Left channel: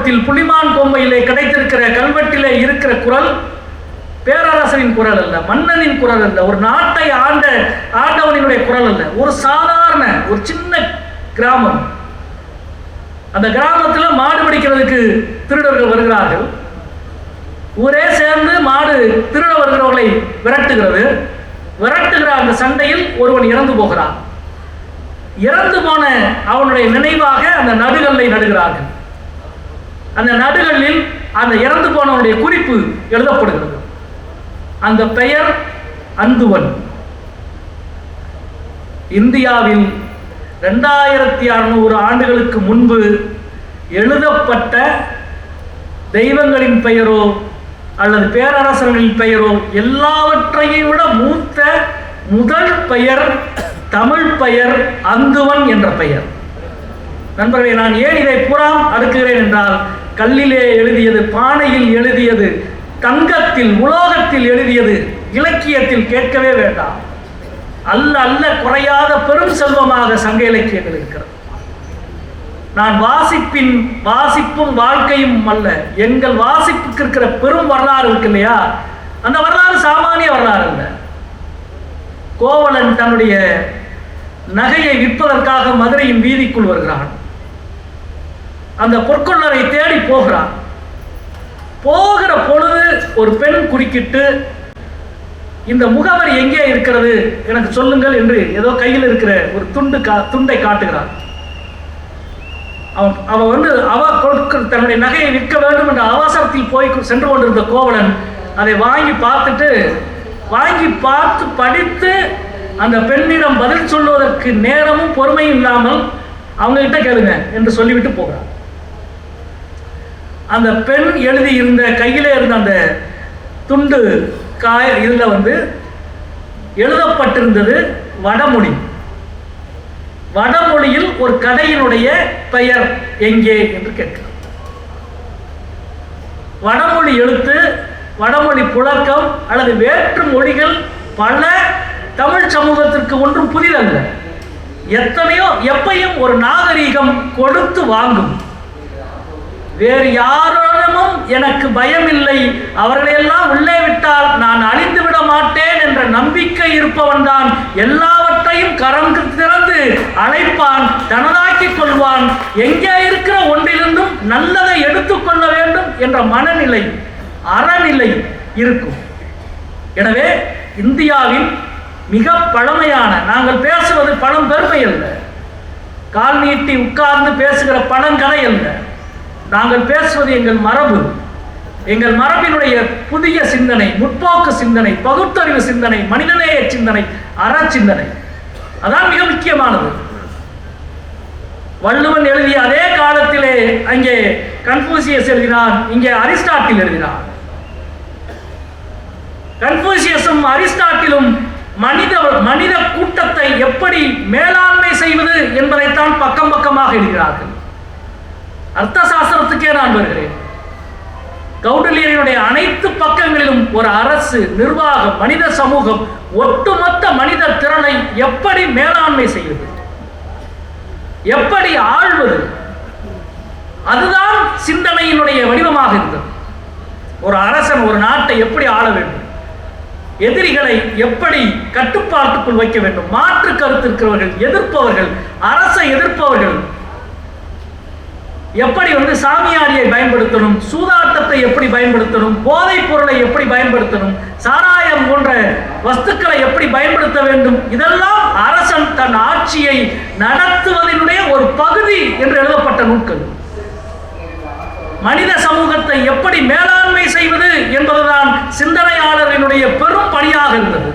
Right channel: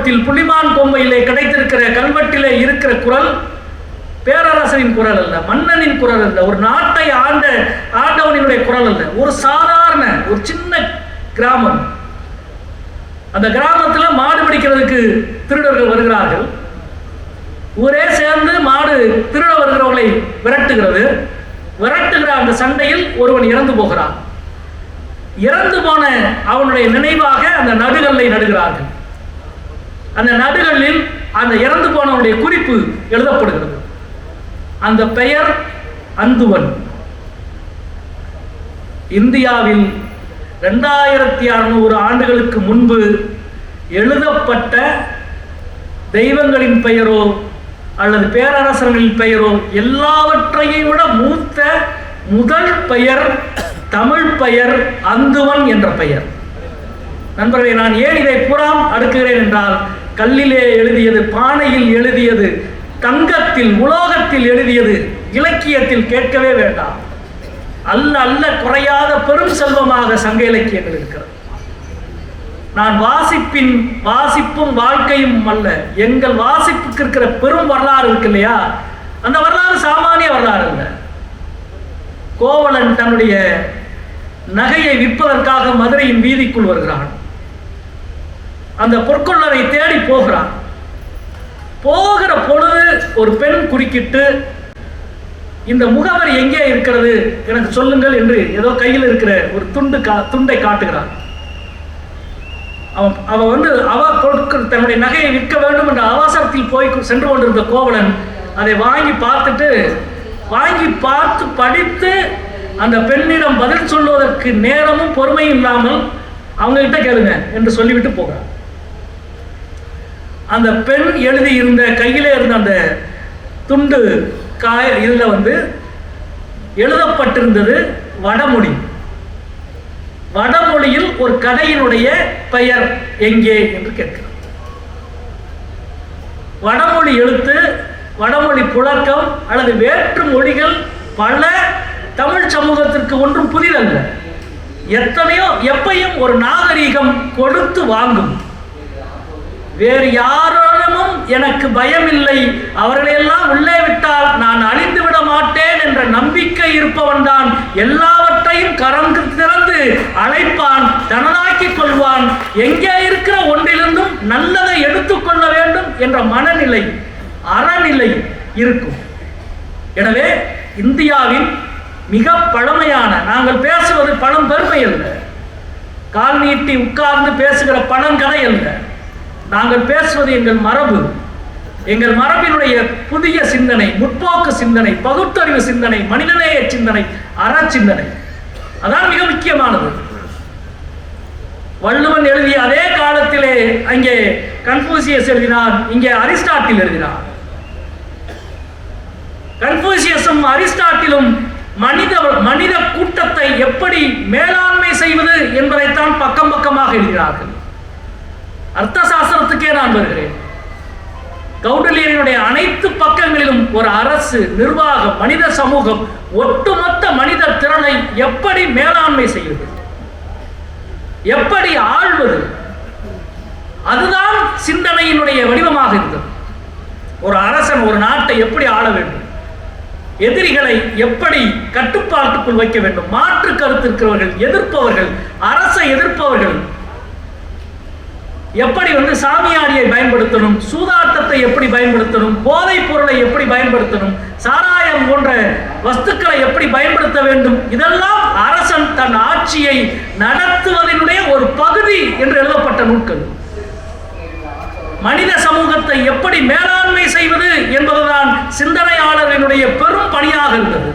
மாவட்டத்தில் புலிமான் கோம்பையிலே கிடைத்திருக்கிற கல்வெட்டிலே இருக்கிற குரல் பேரரசனின் குரல் அல்ல மன்னனின் குரல் அல்ல ஒரு நாட்டை ஆண்ட ஆண்டவனினுடைய குரல் அல்ல. ஒரு சாதாரண ஒரு சின்ன கிராமம். அந்த கிராமத்துல மாடு பிடிக்கிறதுக்கு திருடர்கள் வருகிறார்கள். ஊரே சேர்ந்து மாடு திருட வருகிறவர்களை விரட்டுகிறது. விரட்டுகிற அந்த சண்டையில் ஒருவன் இறந்து போகிறான். இறந்து போன அவனுடைய நினைவாக அந்த நடுகல்லை நடுகிறார்கள். அந்த நடுகளில் அந்த இறந்து போனவனுடைய குறிப்பு எழுதப்படுகிறது. அந்த பெயர் அந்துவன். இந்தியாவில் ரெண்டாயிரத்தி அறுநூறு ஆண்டுகளுக்கு முன்பு எழுதப்பட்ட தெய்வங்களின் பெயரோ அல்லது பேரரசர்களின் பெயரோ எல்லாவற்றையும் விட மூத்த முதல் பெயர் தமிழ் பெயர் அந்துவன் என்ற பெயர். நண்பர்களே நான் ஏன் இதை புறம் அடுக்குகிறேன் என்றால் கல்லிலே எழுதியது பானையில் எழுதியது தங்கத்தில் உலோகத்தில் எழுதியது இலக்கியத்தில் கேட்கவே வேண்டாம். அல்ல அல்ல குறையாத பெரும் செல்வமாக சங்க இலக்கியங்கள் இருக்கிறது. நான் வாசிப்பின் வாசிப்பும் வாழ்க்கையும் அல்ல எங்கள் வாசிப்புக்கு இருக்கிற பெரும் வரலாறு இருக்கு இல்லையா? அந்த வரலாறு சாமானிய வரலாறு இல்லை கோவலன் தன்னுடைய நகையை விற்பதற்காக மதுரையின் வீதிக்குள் வருகிறான். அந்த பொற்கொள்ளரை தேடி போகிறான். போகிற பொழுது ஒரு பெண் குறுக்கிட்டு இந்த முகவரி எங்கே இருக்கிறது? எனக்கு சொல்லுங்கள் என்று ஏதோ கையில் இருக்கிற ஒரு துண்டு கா துண்டை காட்டுகிறான். அவன் அவன் வந்து அவ கொடுக்க தன்னுடைய நகையை விற்க வேண்டும் என்ற அவசரத்தில் போய் சென்று கொண்டிருந்த கோவலன் அதை வாங்கி பார்த்துட்டு வாங்கி பார்த்து படித்து அந்த பெண்ணிடம் பதில் சொல்வதற்கு நேரமும் பொறுமையும் இல்லாமல் அவங்ககிட்ட கேளுங்க என்று சொல்லிவிட்டு போகிறான். அந்த பெண் எழுதி இருந்த கையிலே இருந்த அந்த துண்டு காய இதில் வந்து எழுதப்பட்டிருந்தது வடமொழி. வடமொழியில் ஒரு கதையினுடைய பெயர் எங்கே என்று கேட்கிறார் வடமொழி எழுத்து வடமொழி புழக்கம் அல்லது வேற்று மொழிகள் பல தமிழ் சமூகத்திற்கு ஒன்றும் புதிதல்ல. எத்தனையோ எப்பையும் ஒரு நாகரீகம் கொடுத்து வாங்கும். வேறு யாரோடமும் எனக்கு பயம் இல்லை அவர்களையெல்லாம் உள்ளே விட்டால் நான் அழிந்து விட மாட்டேன் என்ற நம்பிக்கை இருப்பவன் தான் எல்லாவற்றையும் கரம் திறந்து அழைப்பான் தனதாக்கிக் கொள்வான். எங்கே இருக்கிற ஒன்றிலிருந்தும் நல்லதை எடுத்துக்கொள்ள வேண்டும் என்ற மனநிலை அறநிலை இருக்கும். எனவே இந்தியாவின் மிக பழமையான நாங்கள் பேசுவது பணம் பெருமை அல்ல. கால் நீட்டி உட்கார்ந்து பேசுகிற பழங்கதை அல்ல. நாங்கள் பேசுவது எங்கள் மரபு. எங்கள் மரபினுடைய புதிய சிந்தனை முற்போக்கு சிந்தனை பகுத்தறிவு சிந்தனை மனிதநேய சிந்தனை அற சிந்தனை அதான் மிக முக்கியமானது. வள்ளுவன் எழுதிய அதே காலத்திலே அங்கே கன்ஃபூசியஸ் எழுதினார் இங்கே அரிஸ்டாட்டில் எழுதினார். கன்ஃபூசியஸும் அரிஸ்டாட்டிலும் மனித மனித கூட்டத்தை எப்படி மேலாண்மை செய்வது என்பதைத்தான் பக்கம் பக்கமாக எழுதினார்கள். அர்த்த சாஸ்திரத்துக்கே நான் வருகிறேன். கௌடல்யனுடைய அனைத்து பக்கங்களிலும் ஒரு அரசு நிர்வாகம் மனித சமூகம் ஒட்டுமொத்த மனித திறனை எப்படி மேலாண்மை செய்வது? எப்படி ஆள்வது? அதுதான் சிந்தனையினுடைய வடிவமாக இருந்தது. ஒரு அரசன் ஒரு நாட்டை எப்படி ஆள வேண்டும்? எதிரிகளை எப்படி கட்டுப்பாட்டுக்குள் வைக்க வேண்டும்? மாற்று கருத்து இருக்கிறவர்கள் எதிர்ப்பவர்கள் அரசை எதிர்ப்பவர்கள் எப்படி வந்து சாமியாரியை பயன்படுத்தணும்? சூதாட்டத்தை எப்படி பயன்படுத்தணும்? போதைப் பொருளை எப்படி பயன்படுத்தணும்? சாராயம் போன்ற வஸ்துக்களை எப்படி பயன்படுத்த வேண்டும்? இதெல்லாம் அரசன் தன் ஆட்சியை நடத்துவதனுடைய ஒரு பகுதி என்று எழுதப்பட்ட நூல்கள். மனித சமூகத்தை எப்படி மேலாண்மை செய்வது என்பதுதான் சிந்தனையாளரினுடைய பெரும் பணியாக இருந்தது.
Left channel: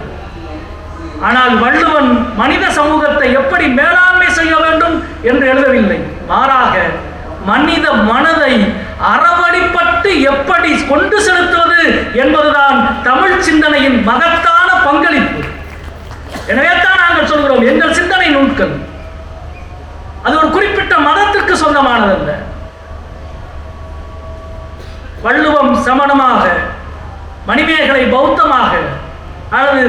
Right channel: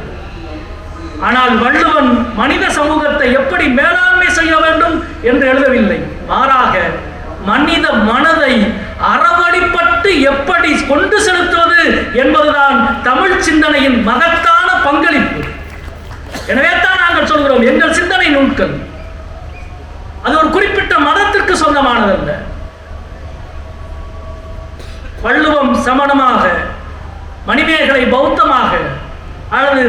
ஆனால் வள்ளுவன் மனித சமூகத்தை எப்படி மேலாண்மை செய்ய வேண்டும் என்று எழுதவில்லை. மாறாக மனித மனதை அறவழிப்பட்டு எப்படி கொண்டு செலுத்துவது என்பதுதான் தமிழ் சிந்தனையின் மகத்தான பங்களிப்பு. எனவே தான் நாங்கள் சொல்கிறோம் எங்கள் சிந்தனை நூல்கள். அது ஒரு குறிப்பிட்ட மதத்திற்கு சொந்தமானதல்ல. வள்ளுவம் சமணமாக மணிமேகலை பௌத்தமாக அல்லது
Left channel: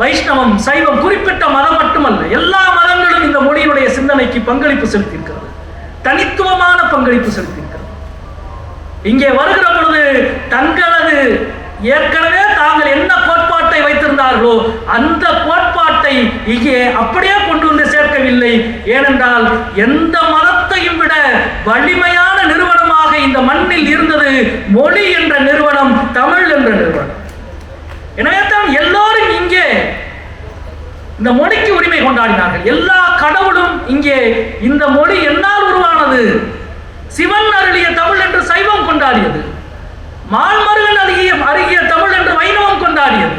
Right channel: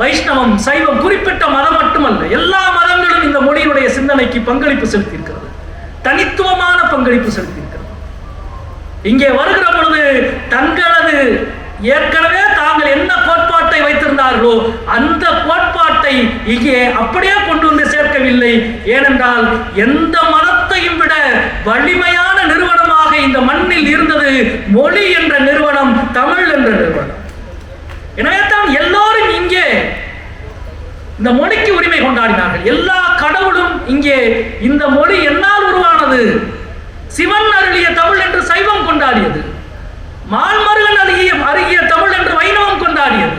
வைஷ்ணவம் சைவம் குறிப்பிட்ட மதம் மட்டுமல்ல எல்லா மதங்களும் இந்த மொழியுடைய சிந்தனைக்கு பங்களிப்பு செலுத்தியிருக்கிறது. தனித்துவமான பங்களிப்பு செலுத்தியிருக்கிறது இங்கே வருகிற பொழுது தங்களது ஏற்கனவே தாங்கள் என்ன கோட்பாட்டை வைத்திருந்தார்களோ அந்த கோட்பாட்டை இங்கே அப்படியே கொண்டு வந்து சேர்க்கவில்லை. ஏனென்றால் எந்த மதத்தையும் விட வலிமையான நிறுவனமாக இந்த மண்ணில் இருந்தது மொழி என்ற நிறுவனம் தமிழ் என்ற நிறுவனம். எனவே தான் எல்லோரும் இங்கே இந்த மொழிக்கு உரிமை கொண்டாடினார்கள். எல்லா கடவுளும் இங்கே இந்த மொழி என்னால் உருவானது. சிவன் அருளிய தமிழ் என்று சைவம் கொண்டாடியது. மான்மருகன் அருகிய அருகிய தமிழ் என்று வைணவம் கொண்டாடியது.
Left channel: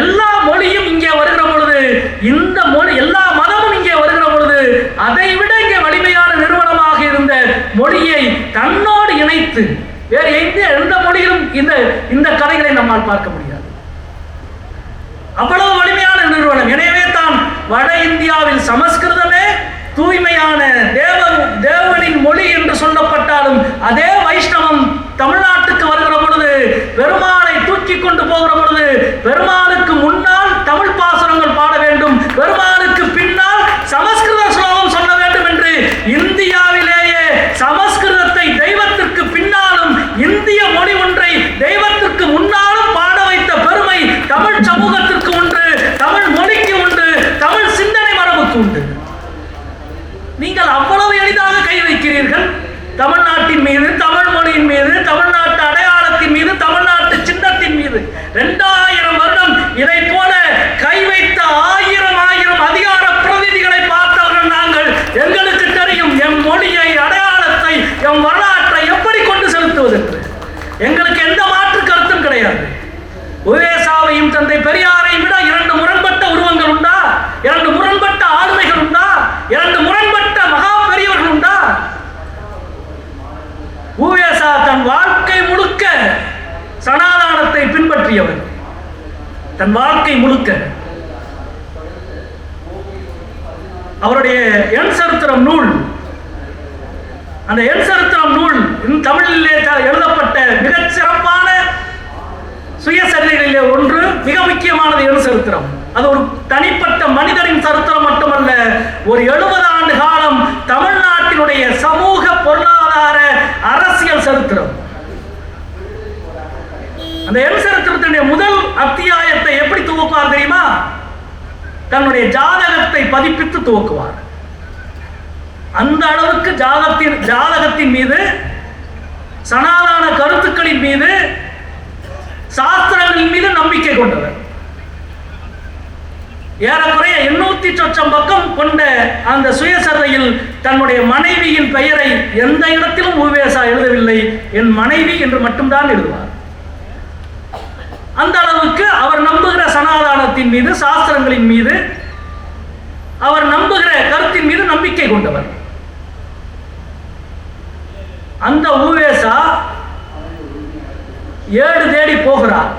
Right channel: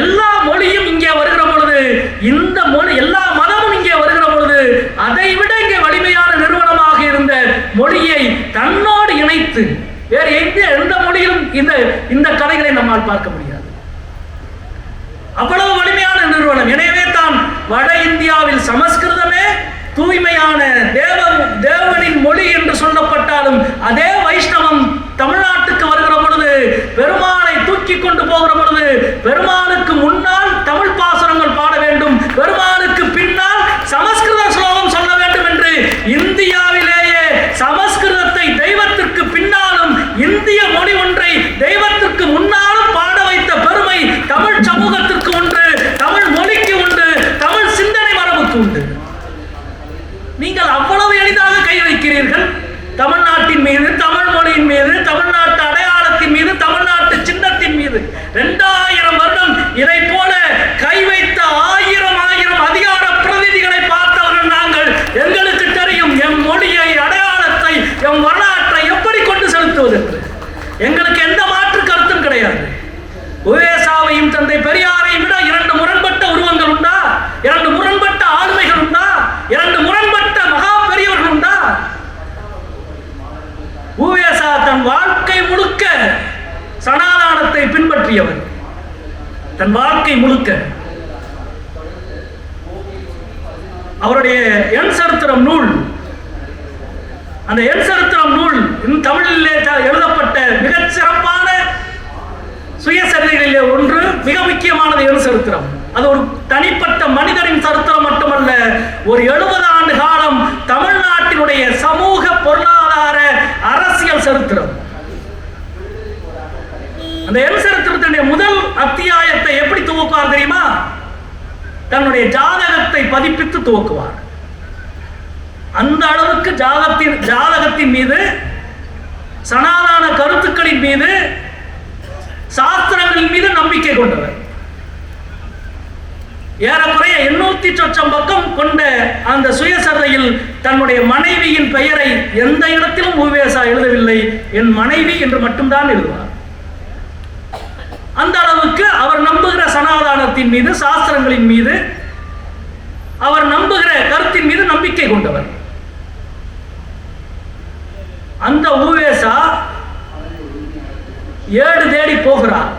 எல்லா மொழியும் இங்கே வருகிற பொழுது இந்த மொழி எல்லா மதமும் இங்கே வருகிற பொழுது அதை விட இங்கே வலிமையான நிறுவனமாக இருந்த மொழியை தன்னோடு இணைத்து வேறு எந்த எந்த மொழியிலும் இந்த இந்த கலைகளை நம்மால் பார்க்க முடியாது. அவ்வளவு வலிமையான நிறுவனம் எனவே தான் வட இந்தியாவில் சமஸ்கிருதமே தூய்மையான தேவ தேவனின் மொழி என்று சொல்லப்பட்டாலும் அதே வைஷ்ணவம் தமிழ்நாட்டுக்கு வருகிற பொழுது பெருமாளை தூக்கி கொண்டு போகிற பொழுது பெருமாளுக்கு முன்னால் தமிழ் பாசனங்கள் பாட வேண்டும் பெருமாளுக்கு பின்னால் சமஸ்கிருத ஸ்லோகம் சொல்ல வேண்டும் என்று இந்தியாவிலேயே சமஸ்கிருதத்தை தெய்வத்திற்கு பின்னாலும் இந்திய மொழி ஒன்றை தெய்வத்திற்கு முன்னாலும் பாட வைத்த பெருமை தமிழ் சமூகத்திற்கு உண்டு தமிழ் மொழிக்கு உண்டு தமிழ் சிந்தனை மரபுக்கு உண்டு நீங்கள் அவ்வளவு எளிதாக கை வைக்கிறீர்கள் தமிழ்நாட்டின் மீது தமிழ் மொழியின் மீது தமிழ்நாட்டு அடையாளத்தின் மீது தமிழ்நாட்டு சின்னத்தின் மீது இரண்டாயிரம் வருடம் இதை போல கை வைத்த ஆயிரம் ஆயிரம் அதிகார பிரதிநிதிகளை பார்த்தவர்கள் நாங்கள் எங்களுக்கு தெரியும் எம் மொழியை அடையாளத்தை எம் வரலாற்றை எப்படி கொண்டு செலுத்துவது என்று. எங்களுக்கு எந்த மாற்று கருத்தும் கிடையாது உவேசாவையும் தந்தை பெரியாரையும் விட இரண்டு முரண்பட்ட உருவங்கள் உண்டா இரண்டு முரண்பட்ட ஆளுமைகள் உண்டா இரண்டு முரண்பட்ட மகா பெரியவர்கள் உண்டா உவேசா தன் வாழ்க்கை முழுக்க சனாதானத்தை பின்பற்றியவர் தன் வாழ்க்கை முழுக்க. அவருடைய எண் சரித்திரம் நூல். அந்த எண் சரித்திரம் நூல் தமிழிலே எழுதப்பட்ட மிகச் சிறப்பான சுயசரிதைகளிலே ஒன்று மிக முக்கியமானது எண் சரித்திரம். அது ஒரு தனிப்பட்ட மனிதரின் சரித்திரம் மட்டுமல்ல ஒரு எழுபது ஆண்டு காலம் தமிழ்நாட்டினுடைய சமூக பொருளாதார அரசியல் சரித்திரம். அந்த எண் முதல் அத்தியாயத்தை எப்படி துவக்குவார் தெரியுமா? தன்னுடைய ஜாதகத்தை பதிப்பித்து துவக்குவார். அந்த அளவுக்கு ஜாதகத்தின் ஜாதகத்தின் மீது சனாதன கருத்துக்களின் மீது சாஸ்திரங்களின் மீது நம்பிக்கை கொண்டவர். ஏறக்குறைய எண்ணூத்தி சொச்சம் பக்கம் கொண்ட அந்த சுயசதையில் தன்னுடைய மனைவியின் பெயரை எந்த இடத்திலும் உவேசா எழுதவில்லை. என் மனைவி என்று மட்டும்தான் எழுதுவார். அந்த அளவுக்கு அவர் நம்புகிற சனாதானத்தின் மீது சாஸ்திரங்களின் மீது அவர் நம்புகிற கருத்தின் மீது நம்பிக்கை கொண்டவர். அந்த ஊவேசா ஏடு தேடி போகிறார்.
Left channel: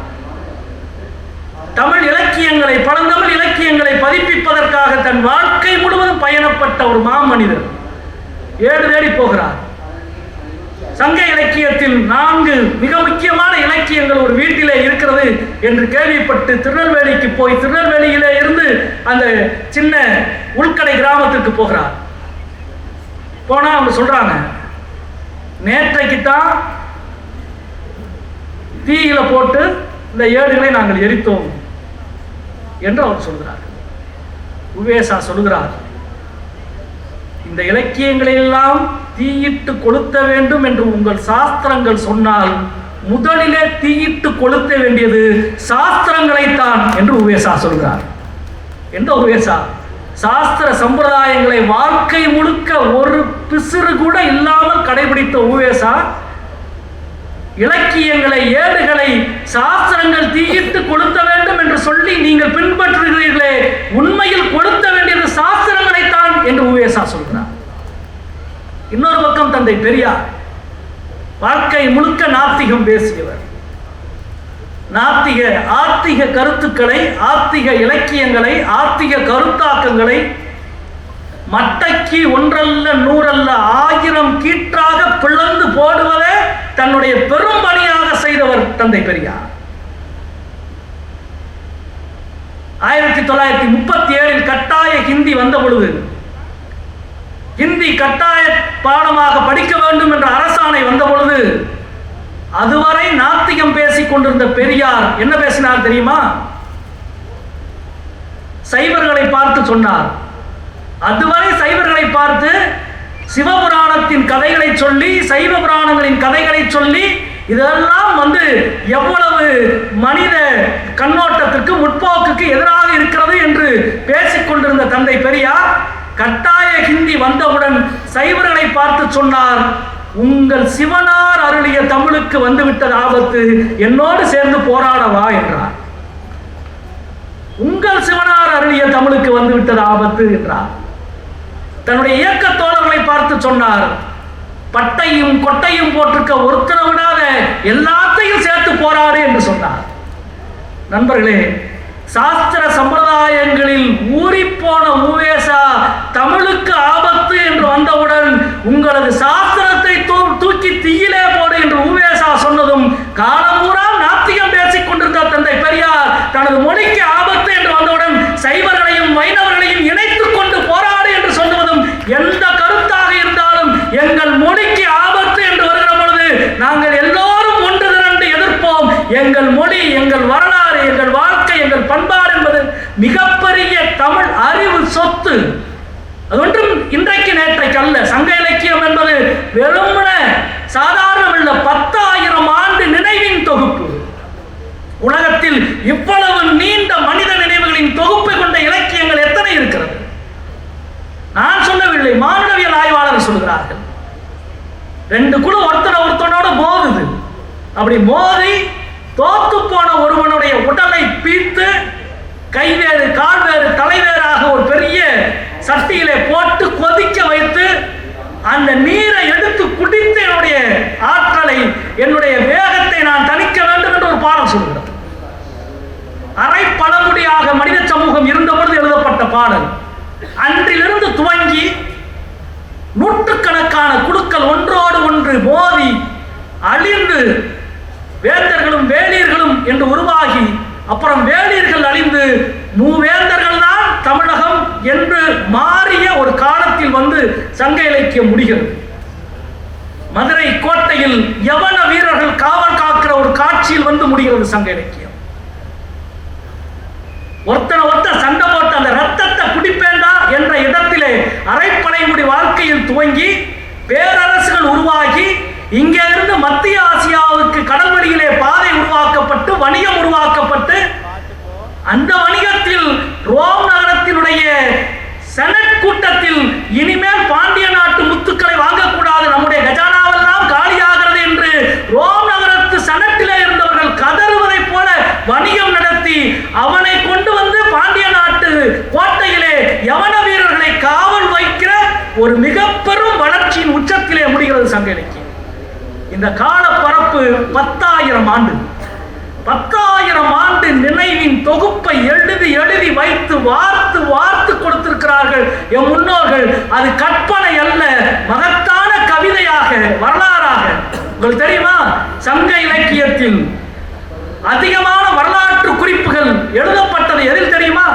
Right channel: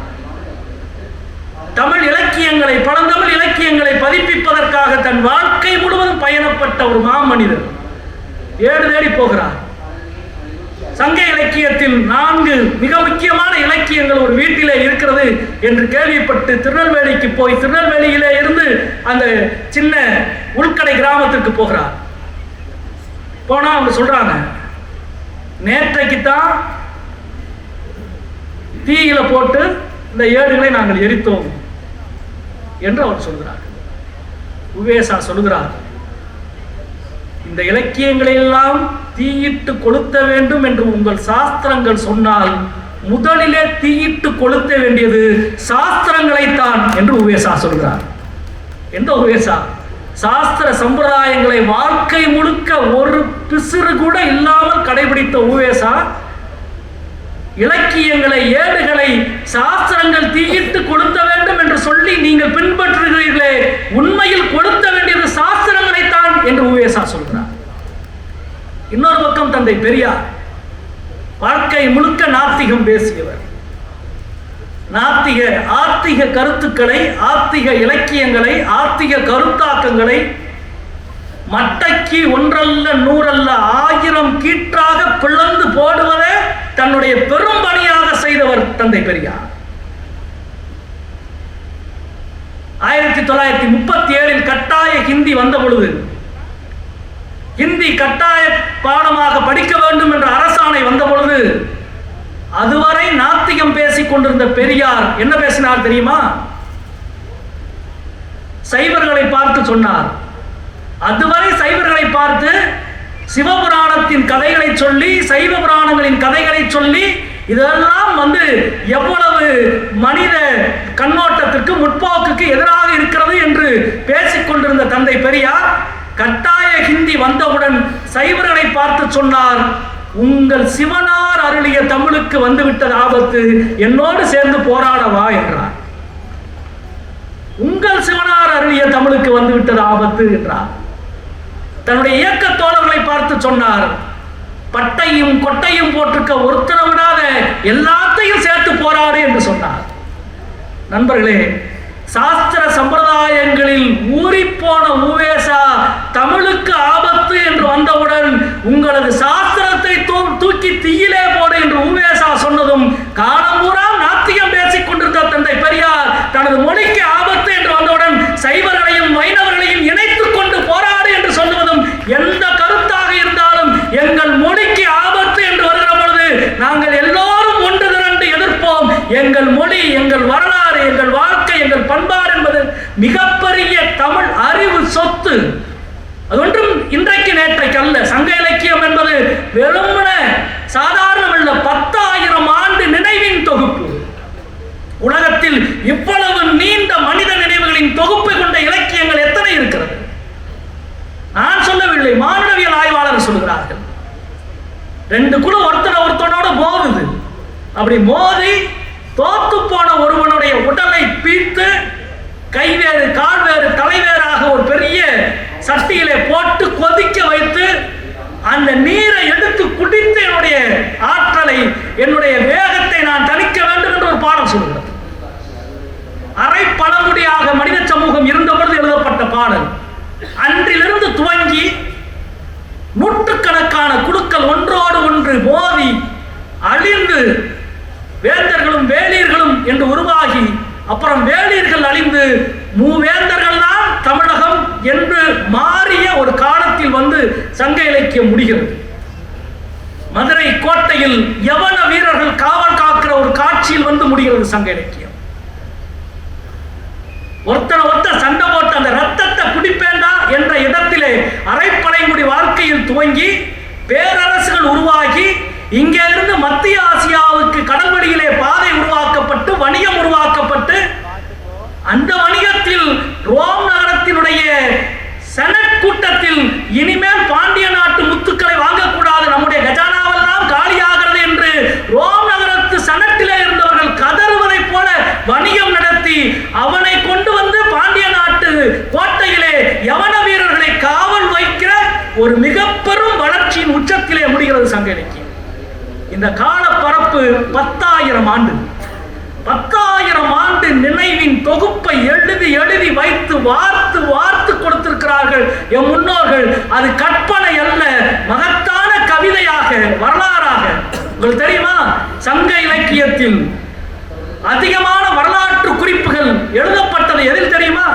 தமிழ் இலக்கியங்களை பழந்தமிழ் இலக்கியங்களை பதிப்பிப்பதற்காக தன் வாழ்க்கை முழுவதும் பயணப்பட்ட ஒரு மாமனிதர் ஏடு தேடி போகிறார். சங்க இலக்கியத்தில் நான்கு மிக முக்கியமான இலக்கியங்கள் ஒரு வீட்டிலே இருக்கிறது என்று கேள்விப்பட்டு திருநெல்வேலிக்கு போய் திருநெல்வேலியிலே இருந்து அந்த சின்ன உள்கடை கிராமத்திற்கு போகிறார். போனா அவங்க சொல்றாங்க நேற்றைக்கு தான் தீயில போட்டு இந்த ஏடுகளை நாங்கள் எரித்தோம் என்று அவர் சொல்கிறார் உவேசா சொல்கிறார் இந்த இலக்கியங்களை எல்லாம் தீயிட்டு கொளுத்த வேண்டும் என்று உங்கள் சாஸ்திரங்கள் சொன்னால் முதலிலே தீயிட்டு கொளுத்த வேண்டியது சாஸ்திரங்களைத்தான் என்று உவேசா சொல்கிறார். எந்த உவேசா சாஸ்திர சம்பிரதாயங்களை வாழ்க்கை முழுக்க ஒரு பிசுறு கூட இல்லாமல் கடைபிடித்த உவேசா இலக்கியங்களை ஏடுகளை சாஸ்திரங்கள் தீயிட்டு கொளுத்த வேண்டும் என்று சொல்லி நீங்கள் பின்பற்ற உண்மையில் கொளுத்த வேண்டியது சாஸ்திரங்களைத்தான் என்று உவேசா சொல்கிறார் இன்னொரு பக்கம் தந்தை பெரியார் வாழ்க்கை முழுக்க நாத்திகம் பேசியவர் நாத்திக ஆத்திக கருத்துக்களை ஆத்திக இலக்கியங்களை ஆத்திக கருத்தாக்கங்களை மட்டக்கி ஒன்றல்ல நூறல்ல ஆயிரம் கீற்றாக பிளந்து போடுவதே தன்னுடைய பெரும் பணியாக செய்தவர் தந்தை பெரியார். ஆயிரத்தி தொள்ளாயிரத்தி முப்பத்தி ஏழில் கட்டாய ஹிந்தி வந்த பொழுது ஹிந்தி கட்டாய பாடமாக படிக்க வேண்டும் என்ற அரசாணை வந்த பொழுது அதுவரை நாத்திகம் பேசிக் கொண்டிருந்த பெரியார் என்ன பேசினார் தெரியுமா? சைவர்களை பார்த்து சொன்னார். அதுவரை சைவர்களை பார்த்து சிவபுராணத்தின் கதைகளை சொல்லி சைவ புராணங்களின் கதைகளை சொல்லி இதெல்லாம் வந்து எவ்வளவு மனித கண்ணோட்டத்திற்கு முற்போக்குக்கு எதிராக இருக்கிறது என்று பேசிக் கொண்டிருந்த தந்தை பெரியார் கட்டாய ஹிந்தி வந்தவுடன் சைவர்களை பார்த்து சொன்னார் உங்கள் சிவனார் அருளிய தமிழுக்கு வந்துவிட்டது ஆபத்து என்னோடு சேர்ந்து போராடவா? என்றார். உங்கள் சிவனார் அருளிய தமிழுக்கு வந்துவிட்டது ஆபத்து என்றார். தன்னுடைய இயக்க தோழர்களை பார்த்து சொன்னார் பட்டையும் கொட்டையும் போட்டிருக்க ஒருத்தரை விடாத எல்லாத்தையும் சேர்த்து போராடு என்று சொன்னார். நண்பர்களே சாஸ்திர சம்பிரதாயங்களில் ஊறிப்போன ஊவேசா தமிழுக்கு ஆபத்து என்று வந்தவுடன் உங்களது சா தூ- தூக்கி தீயிலே போடு என்று ஊவேசா சொன்னதும் காலம்பூரா நாத்திகம் பேசிக் கொண்டிருந்த தந்தை பெரியார் தனது மொழிக்கு ஆபத்து என்று வந்தவுடன் சைவர்களையும் வைணவர்களையும் இணைத்துக் கொண்டு போராடு என்று சொல்லுவதும் எந்த கருத்தாக இருந்தாலும் எங்கள் மொழிக்கு ஆபத்து என்று வருகிற பொழுது நாங்கள் எல்லோரும் ஒன்று திரண்டு எதிர்ப்போம். எங்கள் மொழி எங்கள் வரலாறு எங்கள் வாழ்க்கை எங்கள் பண்பாடு என்பது மிகப்பெரிய தமிழ் அறிவு சொத்து. அது ஒன்றும் இன்றைக்கு நேற்றைக்கு அல்ல. சங்க இலக்கியம் என்பது வெறுமன சாதாரண பத்தாயிரம் ஆண்டு நினைவின் தொகுப்பு உலகத்தில் இவ்வளவு நீண்ட மனித நினைவுகளின் தொகுப்பை கொண்ட இலக்கியங்கள் எத்தனை இருக்கிறது நான் சொல்லவில்லை மானுடவியல் ஆய்வாளர் சொல்கிறார்கள் ரெண்டு குழு ஒருத்தனை ஒருத்தனோட மோதுது. அப்படி மோதி தோத்து போன ஒருவனுடைய உடலை பீத்து கைவேறு கால்வேறு தலைவேறாக ஒரு பெரிய சட்டியிலே போட்டு கொதிக்க வைத்து அந்த நீரை எடுத்து குடித்து என்னுடைய ஆற்றலை என்னுடைய வேகத்தை நான் தணிக்க வேண்டும் என்று ஒரு பாடம் சொல்கிறது அரை பழங்குடியாக மனித சமூகம் இருந்தபொழுது எழுதப்பட்ட பாடல். அன்றிலிருந்து துவங்கி நூற்றுக்கணக்கான குழுக்கள் ஒன்றோடு ஒன்று மோதி அழிந்து வேந்தர்களும் வேலியர்களும் என்று உருவாகி அப்புறம் வேலியர்கள் அழிந்து மூவேந்தர்கள் தான் தமிழகம் என்று மாறிய ஒரு காலத்தில் வந்து சங்க இலக்கியம் முடிகிறது. மதுரை கோட்டையில் யவன வீரர்கள் காவல் காக்கிற ஒரு காட்சியில் வந்து முடிகிறது சங்க இலக்கியம். ஒருத்தனை ஒருத்த சண்டை போட்டு அந்த ரத்தத்தை குடிப்பேண்டா என்ற இடத்திலே அரைப்படைமுடி வாழ்க்கையில் துவங்கி பேரரசுகள் உருவாகி இங்கே இருந்து மத்திய அந்த வணிகத்தில் ரோம் நகரத்தினுடைய செனட் கூட்டத்தில் இனிமேல் பாண்டிய நாட்டு முத்துக்களை வாங்கக்கூடாது. நம்முடைய கஜானாவெல்லாம் காலியாகிறது என்று ரோம் நகரத்து செனட்டிலே இருந்தவர்கள் கதறுவதைப் போல வணிகம் நடத்தி அவனை கொண்டு வந்து பாண்டிய நாட்டு கோட்டையிலே யவன வீரர்களை காவல் வைக்கிற ஒரு மிக பெரும் வளர்ச்சியின் உச்சத்திலே முடிகிறது சங்க இந்த இந்த காலப்பரப்பு பத்தாயிரம் ஆண்டு. பத்தாயிரம் ஆண்டு ஆண்டு நினைவின் தொகுப்பை எழுதி எழுதி வைத்து வார்த்து வார்த்து கொடுத்திருக்கிறார்கள். என் முன்னோர்கள் அது கற்பனை அல்ல மகத்தான கவிதையாக வரலாறாக. உங்களுக்கு தெரியுமா? சங்க இலக்கியத்தில் அதிகமான வரலாற்று குறிப்புகள் எழுதப்பட்டது எதில் தெரியுமா?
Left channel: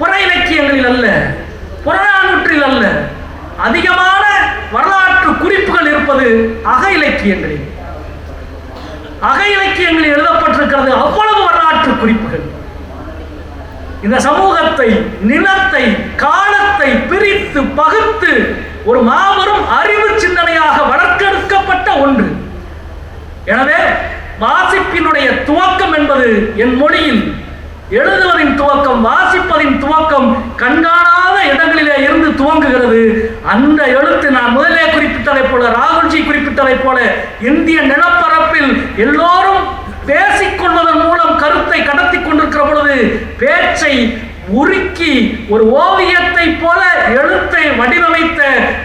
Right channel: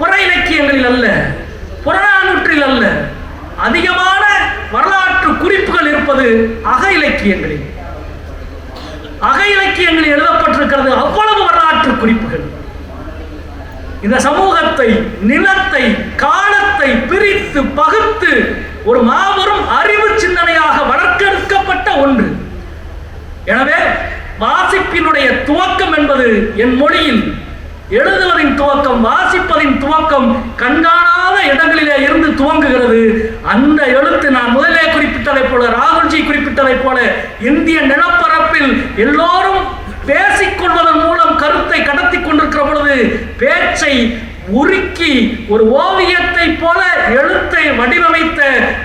புற இலக்கியங்களில் அல்ல புறநானூற்றில் அல்ல. அதிகமான வரலாற்று குறிப்புகள் இருப்பது அக இலக்கியங்களில். அக இலக்கியங்களில் எழுதப்பட்டிருக்கிறது அவ்வளவு வரலாற்று குறிப்புகள். இந்த சமூகத்தை நிலத்தை காலத்தை பிரித்து பகுத்து ஒரு மாபெரும் அறிவு சிந்தனையாக வளர்க்கெடுக்கப்பட்ட ஒன்று. எனவே வாசிப்பினுடைய துவக்கம் என்பது என் மொழியில் எழுதுவதின் துவக்கம் வாசிப்பதின் துவக்கம் கண்காணாத இடங்களிலே இருந்து துவங்குகிறது. அந்த எழுத்து நான் முதலே குறிப்பிட்டதைப் போல ராகுல்ஜி குறிப்பிட்டதைப் போல இந்திய நிலப்பரப்பில் எல்லோரும் பேசிக்கொள்வதன் மூலம் கருத்தை கடத்தி கொண்டிருக்கிற பொழுது பேச்சை உருக்கி ஒரு ஓவியத்தை போல எழுத்தை வடிவமைத்த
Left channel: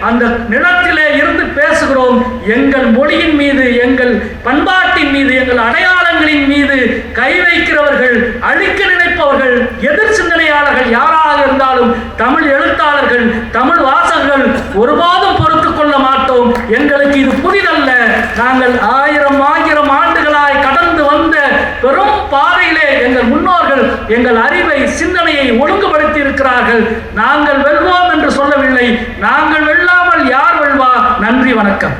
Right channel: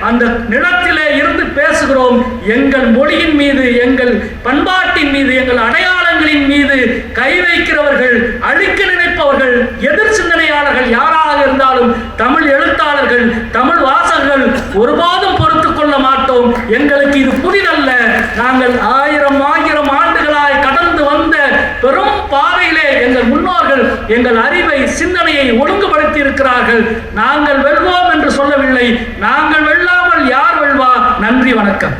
அந்த நிலத்திலே இருந்து பேசுகிறோம். எங்கள் மொழியின் மீது எங்கள் பண்பாட்டின் மீது எங்கள் அடையாளம் எங்கள் அறிவை சிந்தனையை ஒழுங்குபடுத்தி இருக்கிறார்கள் நாங்கள் வெல்வோம் என்று சொல்லவில்லை. நாங்கள் வெல்லாமல் யார் வெல்வா? நன்றி வணக்கம்.